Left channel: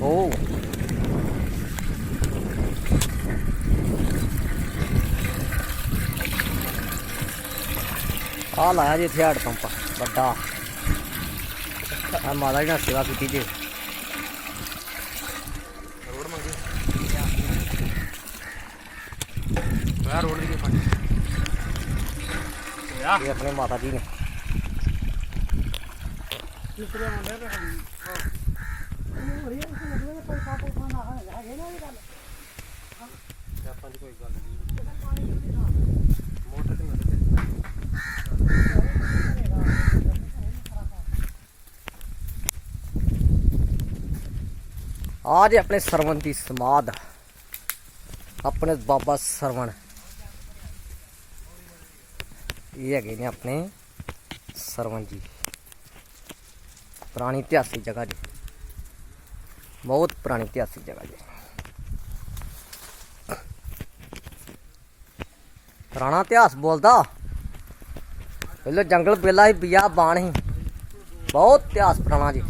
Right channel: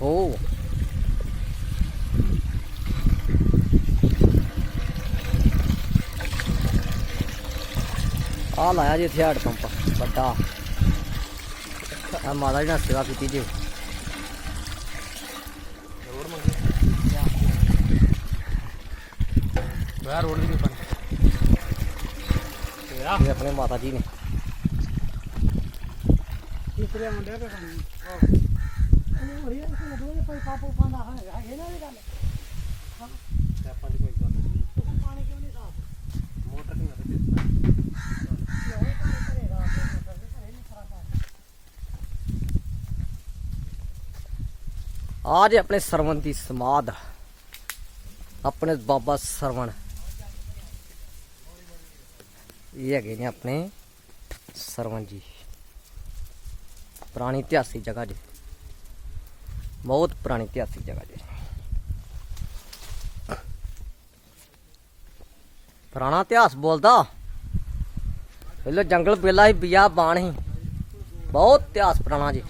โอ้ ਆ ਲਾਇਆ ਜੀ ਇੱਥੇ ਹੱਡ ਪੰਪ ਵੱਡਾ। ਆ ਮਾਤਾ ਜੀ ਨਾਲ ਸੇਵਾ ਕੀਤੀ ਜੀ। ਰੋਡ ਮੰਗੇ ਯਾਰ ਰੋਡ ਦੀ ਪਾ ਇਹ ਆਪਣੇ ਮਾਤਾ ਜੀ ਨੇ। ਨਿਕਲਿਆ ਮੁੰਡੇ ਤੇ ਹਾਂ ਹੋ ਰਿਹਾ ਹਰੀ ਇਸ ਨੂੰ ਦੇ ਕੋਈ ਨਾ ਇਹ ਗੱਲ ਆਪਾਂ ਦੀ ਕੋਈ ਗੱਲ ਨਹੀਂ ਪਾਣੀ ਕਿਉਂ ਨਹੀਂ ਮੋਟਰ ਤੇ ਨਾ ਆ ਜੇ ਆਪਣੇ ਸਰਵਣ ਦੀ ਸਮਾਧ। ਆਪਣੇ ਬਾਬਾ ਸਰਵਣ। ਇਹ ਹੈਗੇ ਨੇ ਆਪਣੇ ਸਰਵਣ ਜੀ। ਪੁਰਾਣੀ ਇਤਿਹਾਸਿਕ ਜਗ੍ਹਾ ਜੀ। ਬਹੁਤ ਪੁਰਾਣੀ ਇਤਿਹਾਸਿਕ ਜਗ੍ਹਾ ਜੀ। ਪੁਰਾਣਾ ਇਤਿਹਾਸ ਬੋਲਦਾ। ਪਹਿਲਾਂ ਜੰਗਲ ਬੇਲਾ ਹੀ ਬਿਆ ਬਾਣ ਸੀ ਬਹੁਤ ਇਤਿਹਾਸ ਪੁਰਾਣਾ ਜੀ।